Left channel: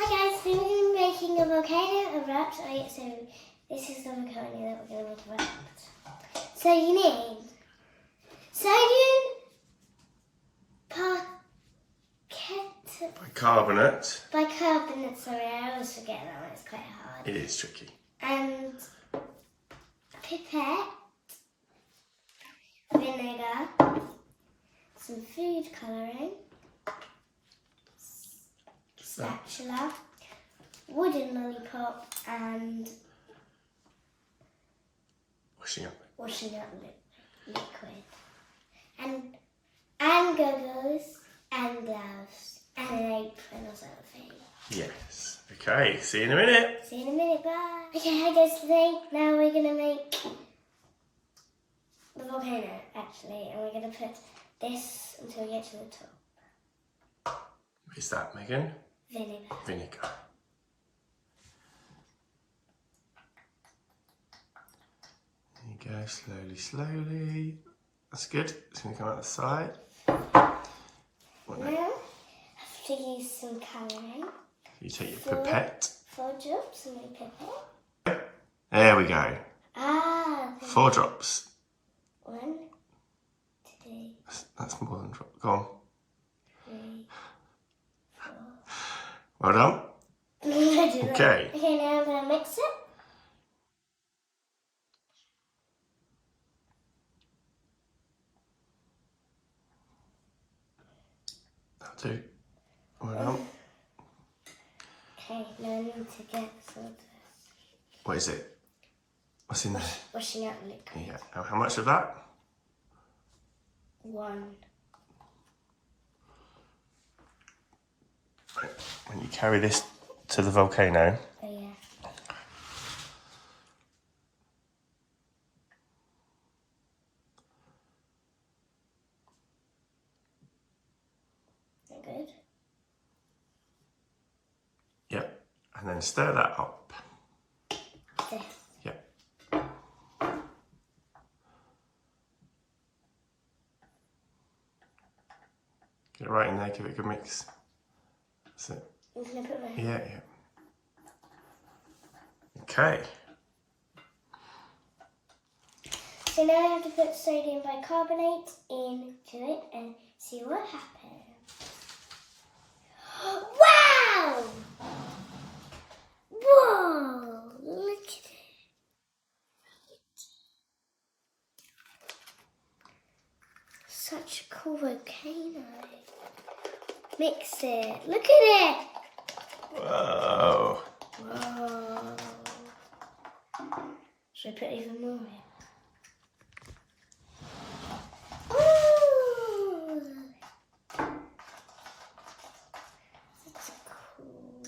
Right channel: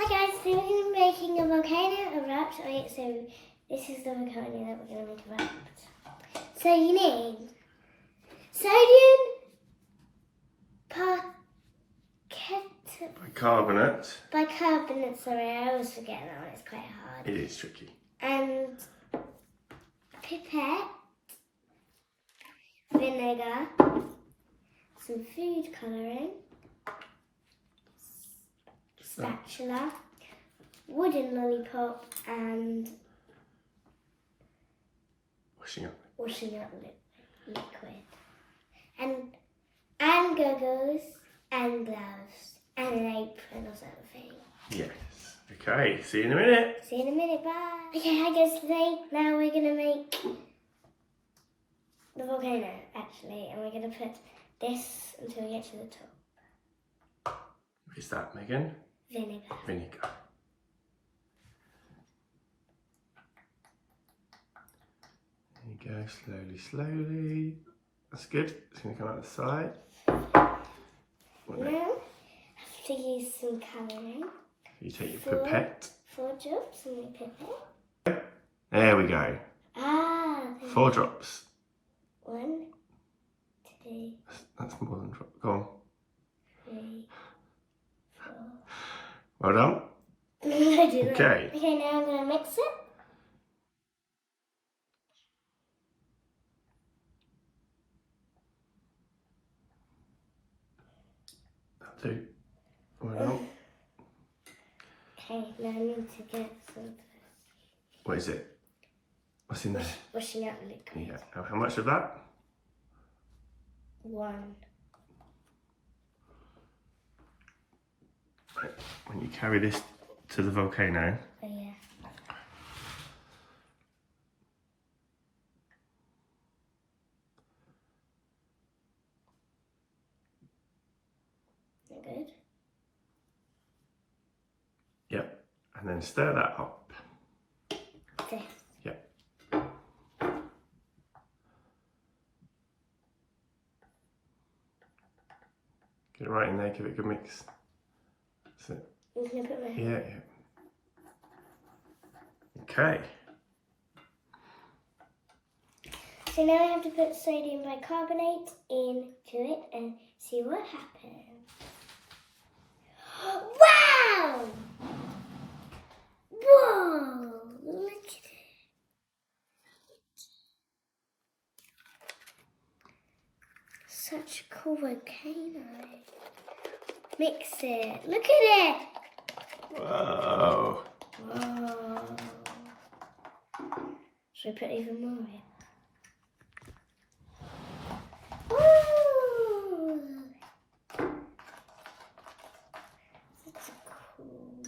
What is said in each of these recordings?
Hi guys, so we're going to be making a volcano erupt. Wait, so this is the volcano that we're going to make erupt. So you need sodium bicarbonate, sorry, I always forget that one, it's quite hard. It is tricky. And pipette, vinegar, some food colouring, spatula, wooden lollipop, and Washing up liquid. And goggles and gloves and an apron or something. Yes. Okay, see you in a minute. See you in a minute, bye. Okay, hi guys, today now we're going to make the volcano actually, and we're going to put this until we get to the top. What is that, Megan? Vinegar. Vinegar. There you go, slowly. That's good. It's going to come out the side. What Now, next? I have to use some colouring. You take your pipette. 4 drops on my pipette. There we go. Ah. 4 drops. 1, 2, That's more than drop. Go on. 3, 4. Well done. Okay. Okay, now I'm going to mix it. That'll do. Well done. Okay, now I need to get some of this. What is it? What's in there? Washing out liquid. Yeah. How much of that? 1. Right. When you carry this to the volcano. Oh yeah. Good. Yep. And then stir that up. This. Yep. Get it right in there, give it a good mix. That's it. I'm going to put my hand. Yeah. Okay. So now I have to put sodium bicarbonate into it and see what happens. Wow! Whoa! Look at it. Such a cool volcano. Mix it. Look at it. Whoa. Whoa. Should I put even more in? Ooh. That's cool.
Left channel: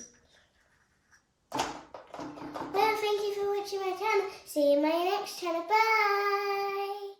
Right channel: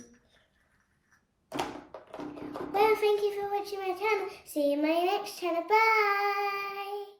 Well, thank you for watching my channel. See you in my next channel. Bye.